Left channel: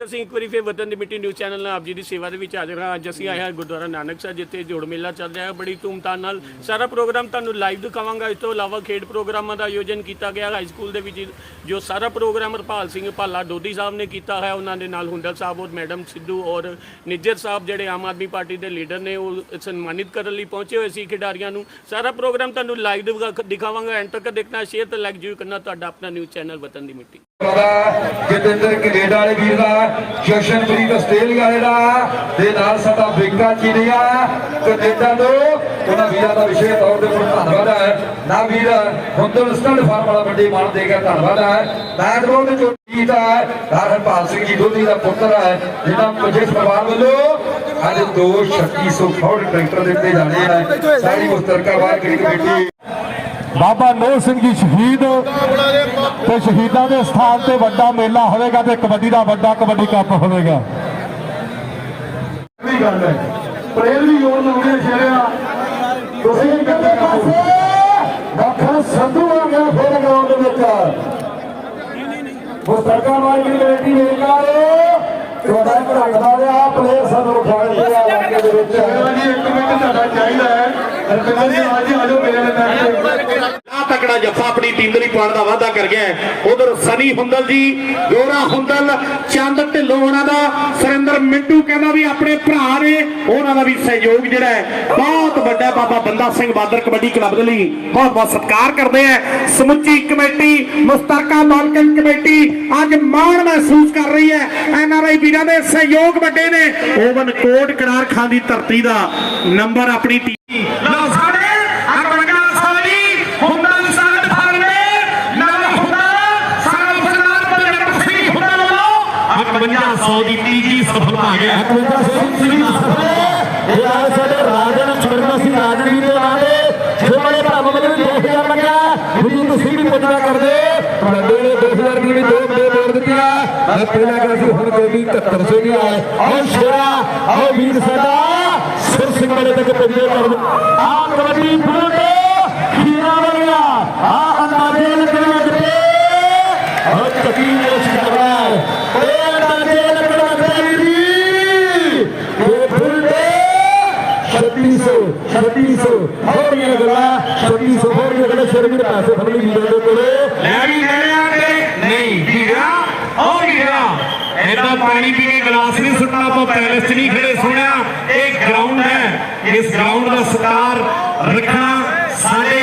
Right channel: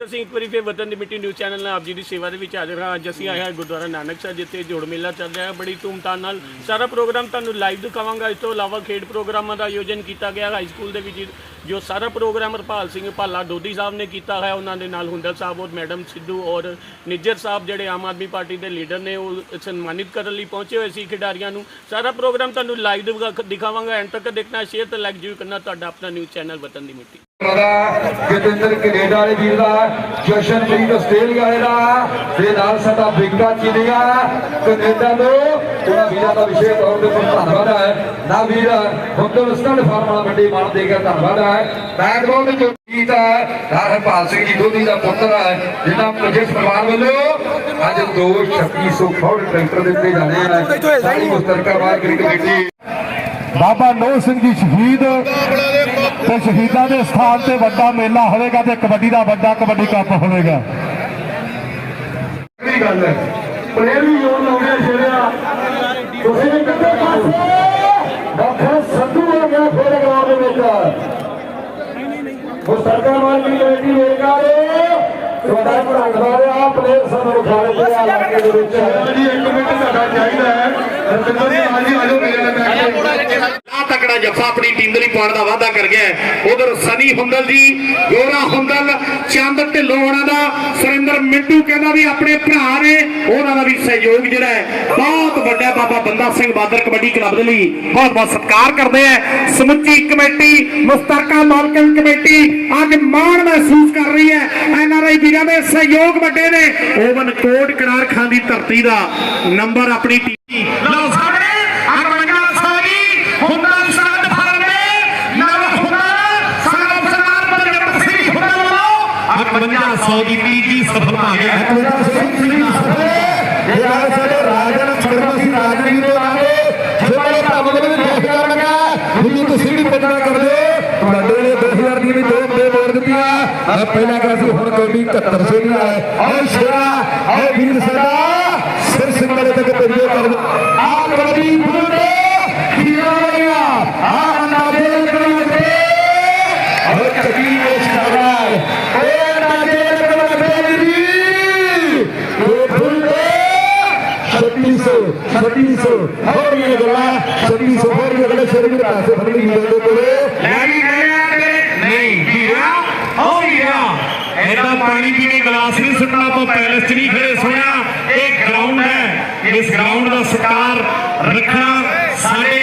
ਅਸੀਂ ਇੱਕ ਵਾਰੀ ਫਿਰ ਵਤਨ ਦੀ ਮਿੱਟੀ ਨਿਊਜ਼ ਚੈਨਲ ਨਾਲ ਆਪ ਜੀ ਦੀ ਸੇਵਾ ਦੇ ਵਿੱਚ ਹਾਜ਼ਰ ਹਾਂ। ਅੱਜ ਅਸੀਂ ਆਏ ਹਾਂ ਗੁਰਦੁਆਰਾ ਨਾਨਕ ਸਾਹਿਬ, ਜਿੱਥੇ ਜੋੜ ਮੇਲਾ ਚੱਲ ਰਿਹਾ ਹੈ। ਬੜੀ ਧੂਮਧਾਮ ਨਾਲ ਸਾਰਾ ਪ੍ਰੋਗਰਾਮ ਤੁਹਾਨੂੰ ਲਾਈਵ ਦਿਖਾਵਾਂਗਾ। ਇਸ ਤੋਂ ਇਲਾਵਾ ਖੇਡ ਪ੍ਰੋਗਰਾਮਾਂ ਦਾ ਆਯੋਜਨ ਕੀਤਾ ਗਿਆ। ਹਾਈ ਸਕੂਲ ਦੇ ਵਿੱਚ ਜੋ ਸਾਰਾ ਪ੍ਰੋਗਰਾਮ ਹਰਪਾਲ ਸਿੰਘ ਭਾਲਾ ਦੋਦੀ ਸਾਹਿਬ ਨੇ ਕੀਤਾ ਹੈ ਉਹਨਾਂ ਦੇ ਨਾਲ ਹੁੰਦਲ ਸਾਹਿਬ ਔਰ ਮੈਡਮ ਸਿੱਧੂ ਔਰ ਨਿੱਜਰ ਸਾਹਿਬ ਜਿਹੜੇ ਆਮ ਆਦਮੀ ਪਾਰਟੀ ਦੇ ਲੀਡਰ ਨੇ, ਉਹ ਸਨਮਾਨਿਤ ਕਰਨ ਲਈ ਪਹੁੰਚੇ ਹੋਏ ਸੀ ਖਿਡਾਰੀਆਂ ਨੂੰ। ਸਾਰਾ ਪ੍ਰੋਗਰਾਮ ਤੁਹਾਨੂੰ ਲਾਈਵ ਦਿਖਾਵਾਂਗਾ। ਐਂਡ ਤੱਕ ਦੇਖਣਾ, ਸ਼ੇਅਰ ਤੇ ਲਾਈਕ ਜ਼ਰੂਰ ਕਰਨਾ ਤੁਹਾਡਾ ਆਪਣਾ ਨਿਊਜ਼ ਚੈਨਲ ਵਤਨ ਦੀ ਮਿੱਟੀ। ਦਾ ਜਤਿੰਦਰ ਕੈਨੇਡਾ ਵਾਲੇ ਵੀਰ ਦਾ, ਜਸ਼ਨਪ੍ਰੀਤ ਆਸਟ੍ਰੇਲੀਆ ਵਾਲੇ ਦਾ ਤੇ ਨਾਲ ਸਾਡਾ ਬਿੰਗਾ ਚੀਨੀਆ ਕੈਨੇਡਾ ਤੋਂ, ਜਿਹੜਾ ਵੀਰਾਂ ਦਾ ਵਿਸ਼ੇਸ਼ ਤੌਰ ਤੇ ਧੰਨਵਾਦ ਹੈ ਨਾ ਵੀਰ ਹੁੰਦਲ ਫਾਰਮ ਵਾਲਾ ਵੱਡੀ ਮਾਨ ਦੇ ਕੇ ਧੰਨਵਾਦ ਹੈ। ਬੈਕਗ੍ਰਾਉਂਡ ਦੇ ਜੋ ਗੀਤ ਹੈ ਹਰਪਾਲ ਸਿੰਘ ਜੀ ਦੋਦੀ ਦਾ ਪੁੱਤਰ ਹੈ ਜਿਹਨਾਂ ਮੁਝੇ ਪਰਿਵਾਰ ਵੱਲੋਂ ਅੱਜ ਦੋ 3600 ਫੌੜ ਟਰੈਕਟਰ ਦਿੱਤੇ ਜਾਣੇ ਆ। ਸਾਰੀ ਮੁਸਤਰਕਾ ਬਾਹਰ ਕਰੀ ਕਮੇਟੀ ਬਾਬਾ ਨੋਹ ਸਿੰਘ ਜੀ ਸ਼ਹੀਦ ਤੇ ਸ਼ਹੀਦਾਂ ਦੇ ਸਥਾਨ ਤੇ ਵੱਡਾ ਮੇਲਾ ਹੋਵੇਗਾ ਤੇ ਕਬੱਡੀ ਦਾ ਵੱਡਾ ਕਬੱਡੀ ਕੱਪ ਹੋਵੇਗਾ। ਵੀ ਗੱਲ ਹੈ, ਪ੍ਰੇਮ ਯੋਗ ਹੋ ਗਿਆ ਸ਼ਰਿਆ ਤੁਸੀਂ ਵੀ ਕਿੱਥੇ ਪਾਸੇ ਡਾਕਟਰ ਸੰਧੂ ਆ ਗਿਆ ਫਿਰ ਗਰਾਊਂਡ ਦੇ ਵਿੱਚ ਉਹ ਸਰਕਾਰ ਮਾਰਕੀਟ ਕਮੇਟੀ ਦੇ ਕਾਰੇ ਤੁਹਾਡਾ ਪੜਾਉਂਦਾ ਰਿਹਾ ਪਲੇਅਰ ਸਾਨੂੰ ਖਾਣ ਦੇ ਇਲਾਕੇ ਦੇ ਵਿੱਚ ਜੀ ਇੱਕ ਮਿੰਟ ਤੁਹਾਡਾ ਚਾਹੀਦਾ ਹੈ। ਰਤਨਾ ਜੀ ਆ ਜੀ ਮੇਰੇ ਆ ਤਕੜਾ ਜੱਫਾ ਆਪਣੀ ਟੀਮ ਦੇ ਲਈ ਪਾਉਣ ਦਾ ਵਾਅਦਾ ਕਰ ਗਿਆ ਉਧਰ ਸਨੀ ਹੁੰਦਲ ਜੀ, ਗੋਰਾ ਹੁੰਦਲ, ਚੰਦ ਢਿੱਲੋਂ ਉਹਨਾਂ ਦਾ, ਸੁਰਿੰਦਰ ਮਿੰਟੂ ਕਹਿੰਦਾ ਵੀ ਆਪਣੇ ਭਰਾ ਨੇ, ਉਹਨਾਂ ਦਾ ਵੀ ਸਹਿਯੋਗ ਜਿਹੜਾ ਹੈ, ਬਹੁਤ ਵੱਡਾ ਬਾਬਾ ਬੰਦਾ ਸਿੰਘ ਬਾਦਰ ਕਬੱਡੀ ਕਲੱਬ ਦੇ ਲਈ ਬਹੁਤ ਬਹੁਤ ਸਤਿਕਾਰ ਕਰਦੇ ਆ। ਸਮੁੱਚੀ ਕਮੇਟੀ, ਮੁਸਤਰਕਾ ਮਾਲਕਨ ਕਮੇਟੀ ਅੱਜ ਮਾਣ ਮਹਿਸੂਸ ਕਰ ਰਹੀ ਹੈ। ਐਨਆਰਆਈ ਵੀਰਾਂ ਦੇ ਸਹਿਯੋਗ ਵੱਡੇ ਨੇ। ਓਵਨ ਕੋਟ ਕਿਨਾਰ ਖਾਂ ਦੀ ਧਰਤੀ ਦਾ ਨੰਬਰ ਆਪਣੀ ਟੀਮ ਲਓ ਸਾਹਮਣੇ। 100 ਦੀ ਤੀਜੀ ਸਫਲ ਭਾਗੇ ਅਕਵਿੰਦਰ ਸਿੰਘ ਜੀ ਦੀ ਸਫਲ ਇਹ ਨਾਲ ਸਾਡੇ ਰਾਜਨ ਸ਼ਰਮਸੀ ਰਾਜਨ ਜੀ ਦੇ ਨਾਂ ਤੇ ਜੋ ਵਾਲੇ ਭਰਾਵਾਂ ਦੇ ਵੀ 2000 ਲੱਗਿਆ ਤੁਸੀਂ ਤੁਸੀਂ ਵੀ ਪੁੱਜਣਾ ਕਰਦੇ ਤੁਹਾਡੇ ਨੇ 2000 ਦੀ ਵੀ ਦੋ ਦੇ ਬੋਲ ਦਿੱਤੀਆਂ ਪਹਿਲਾਂ ਕਿ ਅਸੀਂ ਹੁਣ ਕੋਈ 7100 ਦੀ ਆਏ ਔਰ ਸ਼ੇਰਾ ਔਰ ਵੀਰ ਸਾਡਾ ਸਿਰ ਸਿੰਘ ਵਾਲੇ ਤੱਕ ਪਹੁੰਚੇ ਕਰ ਆ ਕਬੱਡੀ ਬੁਲਟੇ ਖੀਰਾ ਵਾਲਿਆ ਆ ਅੰਦਰ ਦੇ ਬਣਾ ਦੇ और कभी उस दरबार ओ नाजेल ਵੀ ਗੱਲਾਂ ਸ਼ੇਰ ਵੀਰ ਪੈਸੇ ਫੜ ਲਈ ਵੀਰਾਂ ਦੇ ਕੋਲੇ ਮੈਂ ਵੀ ਮਰਿਆ ਤੇਰੇ ਨਹੀਂ ਵੀਰਾ ਉਹ ਵੀਰਾ ਏਦਾਂ ਪਾਣੀ ਪੀ ਕੇ ਗਲਾਸ ਨਹੀਂ ਸੁੱਟਣਾ ਆਪਾਂ ਪੈਲਸ 'ਚ ਨਹੀਂ ਖੜੇ ਸੁਣਿਆ ਇਹ ਗਰਾਊਂਡ ਹੈ ਇਸ ਗਰਾਊਂਡ ਦਾ ਸਤਿਕਾਰ ਰੱਖਣਾ ਸਾਡੇ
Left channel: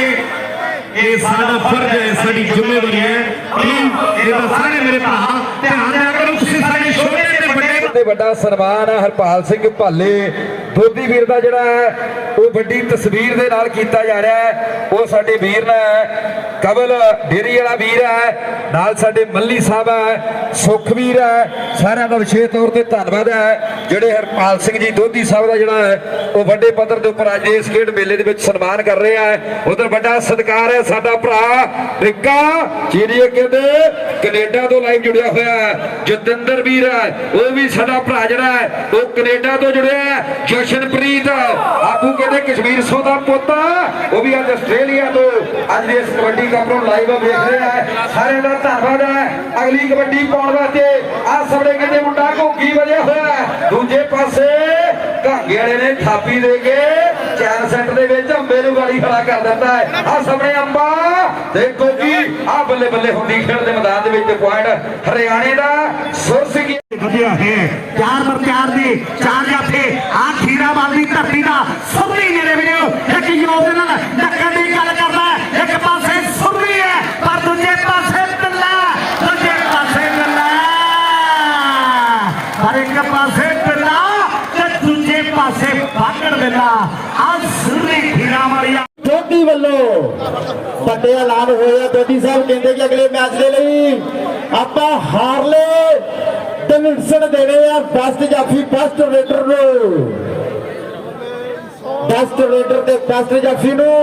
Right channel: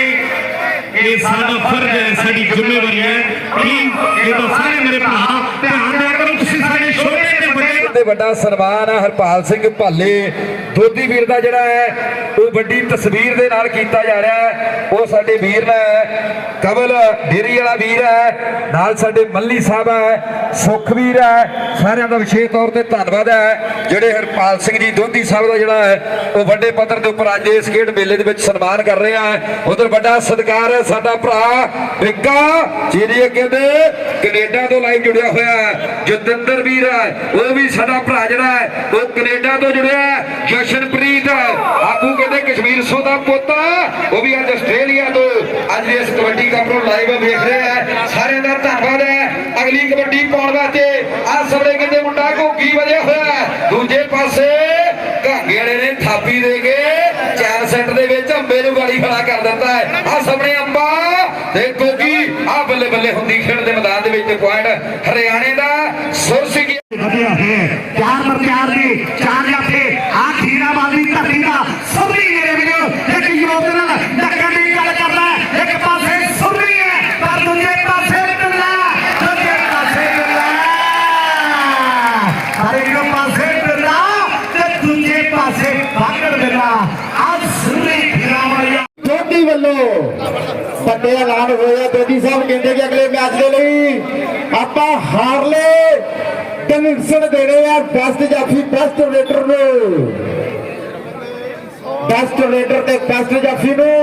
ਇਹ ਸਾਡਾ ਫਰਜ਼ ਹੈ ਸਾਡੀ ਜ਼ਿੰਮੇਵਾਰੀ ਹੈ ਕਿ ਇਹਦਾ ਸਾਰੇ ਮੇਰੇ ਭਰਾ ਧਿਆਨ ਦਿਆ ਕਰੋ ਤੁਸੀਂ ਸਾਡੇ ਛੋਟੇ ਤੇ ਵੱਡਾ ਸਨਮਾਨ ਹੈ ਹਰਪਾਲ ਸਿੰਘ ਭਾਲੇ। ਦੋਦੀ ਵੀਰ ਦਾ ਜਿਹੜਾ ਹੈ, ਉਹ ਵੱਡੀ ਤਸਵੀਰ ਦੇ ਨਾਲ ਕੀਤਾ ਜਾ ਰਿਹਾ ਹੈ। ਉਹ ਸਾਡੇ ਵੀਰ ਹੈ ਕਮਲ ਡੇਰੀ ਵਾਲਾ ਵੀਰ ਹੈ। ਨਾਲ ਸਾਡੇ ਮੱਲੀ ਸਾਹਿਬ ਹੈ, ਸੁਖਵੀਰ ਹੈ। ਸਾਰਿਆਂ ਦਾ ਵਿਸ਼ੇਸ਼ ਤੌਰ ਤੇ ਧੰਨਵਾਦ ਹੈ। ਜਿਹੜੇ ਹਰਪਾਲ ਸਿੰਘ ਜੀ ਦੋਦੀ ਸਾਹਿਬ ਦਾ ਜਿਹੜਾ ਹੈ, ਉਹ ਵੱਡੇ ਪੱਧਰ ਦੇ ਉੱਪਰ ਅੱਜ ਇਸ ਖੇਡ ਮੇਲੇ ਦੇ ਵਿੱਚ ਸਨਮਾਨ ਕਰ ਰਿਹਾ ਹੈ। ਉਧਰ ਵੱਡਾ ਸਤਿਕਾਰ ਹੈ ਸਾਡਾ ਭਰਾ ਰਿੱਕਾ ਜਿਹੜੇ ਕਹਿੰਦੇ ਕੈਨੇਡਾ ਤੋਂ ਲਾਈਵ ਜੁੜਿਆ ਹੋਇਆ ਹੈ। ਜਤਿੰਦਰ ਵੀਰ ਹੈ, ਉਹ ਵੀ ਸਾਡਾ ਭਰਾ ਜਿਹੜਾ ਹੈ, ਉਹ ਕੈਨੇਡਾ ਤੋਂ ਜੁੜਿਆ ਹੈ। ਜਸ਼ਨਪ੍ਰੀਤ ਆਪੂ ਕਹਿੰਦੇ ਕਸ਼ਮੀਰ ਸੋ ਦਾ ਪੋਤਾ ਉਹ ਵੀ ਅੱਜ ਆਸਟ੍ਰੇਲੀਆ ਤੋਂ ਅੱਜ ਇਸ ਕਬੱਡੀ ਕੱਪ ਨੂੰ ਲਾਈਵ ਵੇਖ ਰਿਹਾ ਹੈ। ਸਾਰਿਆਂ ਦਾ ਧੰਨਵਾਦ ਹੈ। ਅਗਲੀ ਕਬੱਡੀ ਪਾਉਣ ਵਾਸਤੇ ਆ ਸਮੇਂ ਕਿਤੇ ਮੁੰਡਾ ਘੋਗੀ ਵਧਿਆ ਹੋਇਆ ਦੂਜੇ ਪਾਸੇ ਘਾਗੇ ਵਾਲੇ ਨੇ ਥਾਪੀ ਦੇ ਕੇ ਚਾਰ ਸੈੱਟ ਦੇ ਵਿੱਚ ਅੰਬੇ ਨੂੰ ਗਾਲੀ ਫੜਾ ਕਰ ਦਿੱਤਾ ਹੈ। ਆ ਸਾਹਮਣੇ ਅੰਬਾ ਤੇ ਗੋਗੀ ਆ ਬੱਲੇ ਬੱਲੇ ਹੁੰਦੀ ਖੇਡ ਦੇ ਮੈਦਾਨ ਦੇ ਵਿੱਚ ਪੁਆਇੰਟ ਹਰਿਆਣੇ ਦਾ ਸੁਰ ਵਧੀਆ ਹੈ। ਦੋਦੀ ਵੱਲੋਂ ਵੱਡੇ ਐਲਾਨ ਹੋਇਆ। ਦੋਦੀ ਸਾਹਿਬ ਕਹਿੰਦੇ ਕਿ ਅਗਲੇ ਮੈਚ ਦੇ ਲਈ ਆਪਾਂ ਹਾਰਲੇ ਡਿਵਿਡਸ਼ਨ ਦੇਣੇ ਆ ਬੈਸਟ ਜਾਫੀ, ਬੈਸਟ ਰੇਟਰ ਨੂੰ। ਬੈਸਟ ਰੇਟਰ ਤੇ ਬੈਸਟ ਜਾਫੀ ਨੂੰ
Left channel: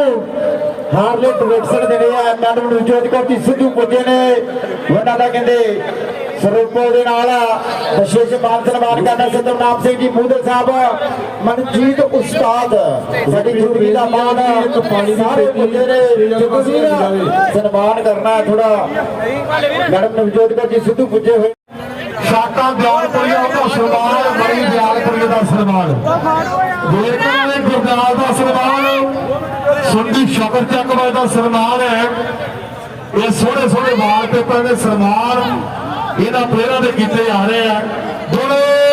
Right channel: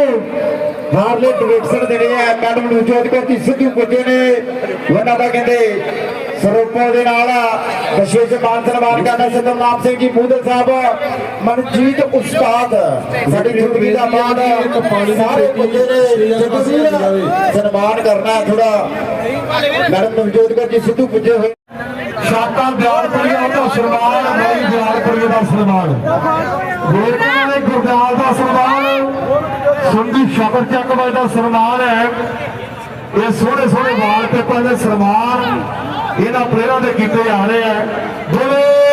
ਹਾਰਲੇ ਡਿਵਿਡਸ਼ਨ ਦੇਣੇ ਆ। ਮੈਡਮ ਨਵਜੋਤ ਕੌਰ ਜੀ, ਸਿੱਧੂ ਪੁੱਜੇ ਨੇ। ਉਹਨਾਂ ਦਾ ਕਹਿੰਦੇ ਸਰੂਪੋ ਦੇ ਨਾਲ ਵਿਸ਼ੇਸ਼ ਮਾਨ ਸਨਮਾਨ ਕਰਨਾ ਸਤਨਾਮ ਸਿੰਘ ਜੀ ਮੂਦਲ ਸਾਹਿਬ। ਮਨਜੀਤ ਉਸਤਾਦ ਸਾਡੀ ਜ਼ਿੰਦਗੀ ਦਾ ਮਾਣ ਸਾਰੇ ਪੁੱਜੇ ਨੇ ਸਨਮਾਨ ਕਰਨਾ ਥੋੜਾ ਮੈਡਮ ਨਵਜੋਤ ਕੌਰ ਜੀ ਸਿੱਧੂ ਪੁੱਜੇ ਹੋਏ। ਸ਼ਾਕਾ ਦਿਆਲਪੁਰੀ ਦਾ ਸਨਮਾਨ ਮਣੀ ਦਿਆਲਪੁਰੀ ਦਾ ਸਨਮਾਨ। ਵੇਰਕੇ ਦੇ ਗੁਰਦਾਸ ਦਾ ਸਨਮਾਨ। ਸੰਦੀਪ ਸ਼ਕਰ ਚੱਕਵਾ ਦਾ ਸਨਮਾਨ ਹੈ। ਇਹ ਸੋਹਣੇ ਸੋਹਣੇ ਵਾਲ ਪੇਪਰਾਂ ਦੇ ਸਨਮਾਨ ਇਹਨਾਂ ਪਲੇਅਰਾਂ ਦੇ ਕੀਤੇ ਜਾ ਰਹੇ ਆ ਬੋਲੇ!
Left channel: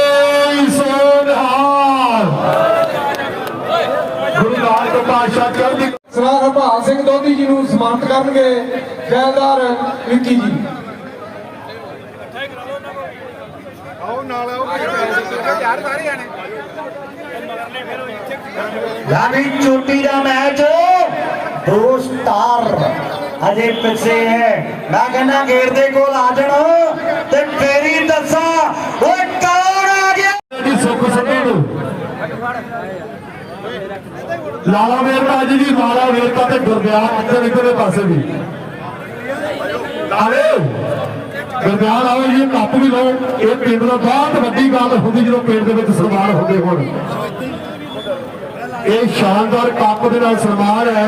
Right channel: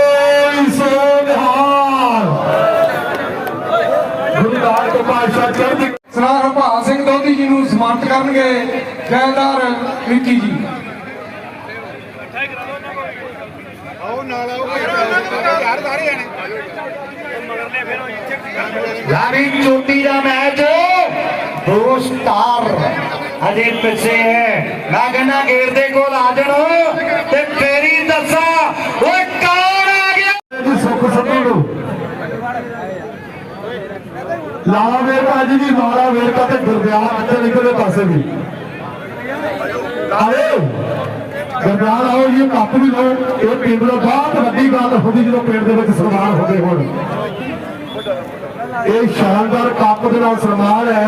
ਕਰਨਗੇ ਜੈਲਦਾਰ ਵਿੱਕੀ ਜੀ। ਯਾਨੀ ਚੋਟੀ ਦਾ ਮੈਚ ਦੋ ਸਟਾਰ ਹਜੇ ਪਿੱਛੇ ਹੈ। ਮੈਂ ਕਹਿੰਦਾ ਗੇੜ ਦੇ ਕੋਲ ਆ ਜਾਣਾ ਤੇ ਫੇਰੀ ਦੱਸਾਂ ਓਏ ਕੌਣ ਆ ਗਿਆ ਜੀ ਸੁੱਖ ਸੰਧੂ ਨੂੰ ਲਾਲਾ ਵੇਰਕਾ ਜੀ ਦੀ ਲਾਲਾ ਵੇਰਕਾ ਤੇ ਗੁਰਦਿਆਲ ਕਿੱਥੇ ਨਿਕਲੇ ਪਾਸੇ ਵੀ। ਆਲੇ ਗੁਰਦਿਆਲ ਆਓ ਜੀ, ਕੱਪ ਵੀ ਲਓ। ਇਹ ਪਿੰਡ ਦਾ ਬਹੁਤ ਵੱਡੀ ਗੱਲ ਹੁੰਦੀ ਜਦੋਂ ਪਿੰਡ ਦੇ ਵਿੱਚ ਸਨਮਾਨ ਹੁੰਦੇ ਹੋਣ। ਇਹ ਸ਼ਾਨਦਾਰ ਕੱਪ ਦੇ ਨਾਲ ਸਨਮਾਨ ਹੈ।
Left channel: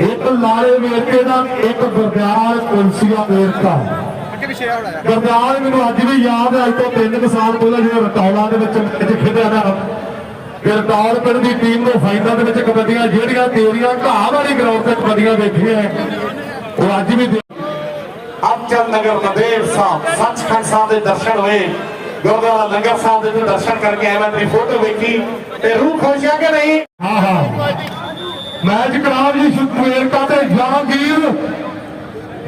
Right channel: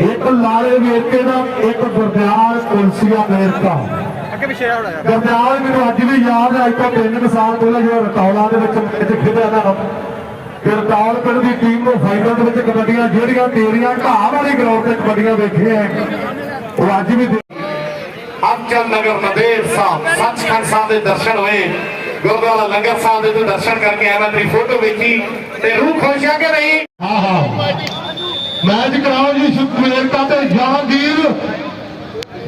ਇੱਕ ਲਾਲੇ ਵੇਰਕੇ ਦਾ, ਇੱਕ ਗੁਰਦਿਆਲ ਕੁਲਸੀਆ ਵੇਰਕਾ ਗੁਰਦਿਆਲ ਮੈਨੂੰ ਅੱਜ ਵੀ ਯਾਦ ਹੈ, ਅੱਜ ਤੋਂ ਤਿੰਨ ਕੁ ਸਾਲ ਪਹਿਲਾਂ ਜਿਹੜਾ ਰਟੌਲਾ ਦੇ ਵਿੱਚ ਮੈਚ ਖੇਡਿਆ ਨਾ। ਗਰਦਾਲ ਪਿੰਡ ਦੀ ਟੀਮ ਨੂੰ ਫਾਈਨਲ ਦੇ ਵਿੱਚ ਕਬੱਡੀਆਂ ਜਿਹੜੀਆਂ ਤੇਰੀਆਂ ਘਾਹ ਵਾਲੀ ਗਰਾਊਂਡ ਤੇ ਕਬੱਡੀਆਂ ਵੇਖੀਆਂ ਉਹ ਅੱਜ ਵੀ ਅਬਚਲ ਨਗਰ ਨਦੇੜ ਸਾਹਿਬ ਸੱਚਖੰਡ ਸਾਹਿਬ ਦੇ ਦਰਸ਼ਨ ਹੋਏ। ਗੁਰਦੁਆਰਾ ਲੰਗਰ ਸਾਹਿਬ ਦੇ ਤੋਂ ਦਰਸ਼ਨ ਕਰਕੇ ਆਇਆ ਮੈਂ ਤੇਰੀ ਫੋਟੋ ਵੇਖੀ ਤੇ ਰੂਹ ਖੁਸ਼ ਆ ਕਿ ਨਹੀਂ? ਹਾਂ ਹਾਂ। ਮੈਚ ਕਰਾਓ ਜੀ ਸੁਖਵੇਰਕਾ ਤੇ ਜਹਾਂਗੀਰ।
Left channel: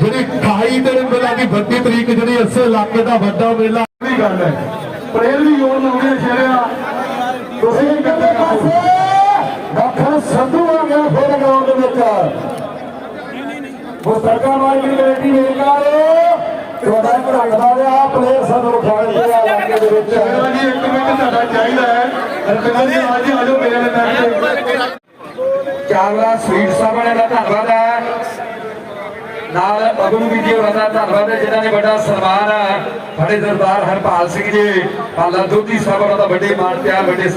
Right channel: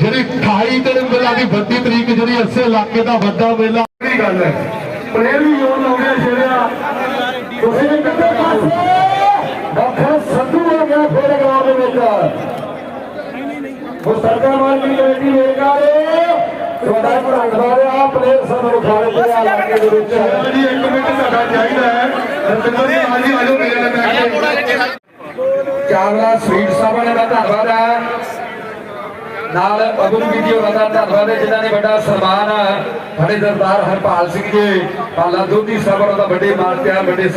ਜਿਹੜੀ 28 ਤੇ ਮੇਲਾ ਦੀ ਵੱਡੀ ਤਰੀਕ ਜਿਹੜੀ ਇਸੇ ਇਲਾਕੇ ਦਾ ਵੱਡਾ ਮੇਲਾ। ਦੀ ਗੱਲ ਹੈ? ਪ੍ਰੇਮ ਵੀ ਯੋਗ ਲਾਉਂਦੇ ਸ਼ਰਿਆ ਤੁਸੀਂ ਵੀ ਕਿੱਥੇ ਪਾਸੇ? ਡਾਕਟਰ ਸੰਧੂ ਆ ਗਿਆ ਫਿਰ ਗਰਾਊਂਡ ਦੇ ਵਿੱਚ। ਉਹ ਸਰਕਾਰ ਮਾਰਕੀਟ ਕਮੇਟੀ ਵੇਖਾ ਤੁਹਾਡਾ ਭੜਕਦਾ ਰਿਹਾ ਪਲੇਅਰ ਸਾਨੂੰ ਖਾਣ ਦੇ ਇਲਾਕੇ ਦੇ ਵਿੱਚ। ਜੀ ਇੱਕ ਮਿੰਟ ਤੁਹਾਡਾ ਚਾਹੀਦਾ ਹੈ। ਰਤਨਾ ਜੀ ਆਜੀ ਮੇਰੇ ਨਾਲ ਚਾਵਲਾ ਸਵੀਟ ਸਭਾ ਦਾ ਧੰਨਵਾਦ ਹੈ ਨਾਲ ਅਗੂ ਜੀ ਹੋਰਾਂ ਦਾ ਧੰਨਵਾਦ ਹੈ, ਜਿਨ੍ਹਾਂ ਨੇ ਵੱਡਾ ਸਨਮਾਨ ਸਾਡੇ ਦਰਬਾਰ ਹਰਪਾਲ ਸਿੰਘ ਜੀ ਅੱਲਾ ਦੁੱਧੀ ਸਾਹਿਬ ਦਾ ਵੱਡੇ ਮਾਨ ਪਿਆਰ, ਵੱਡੇ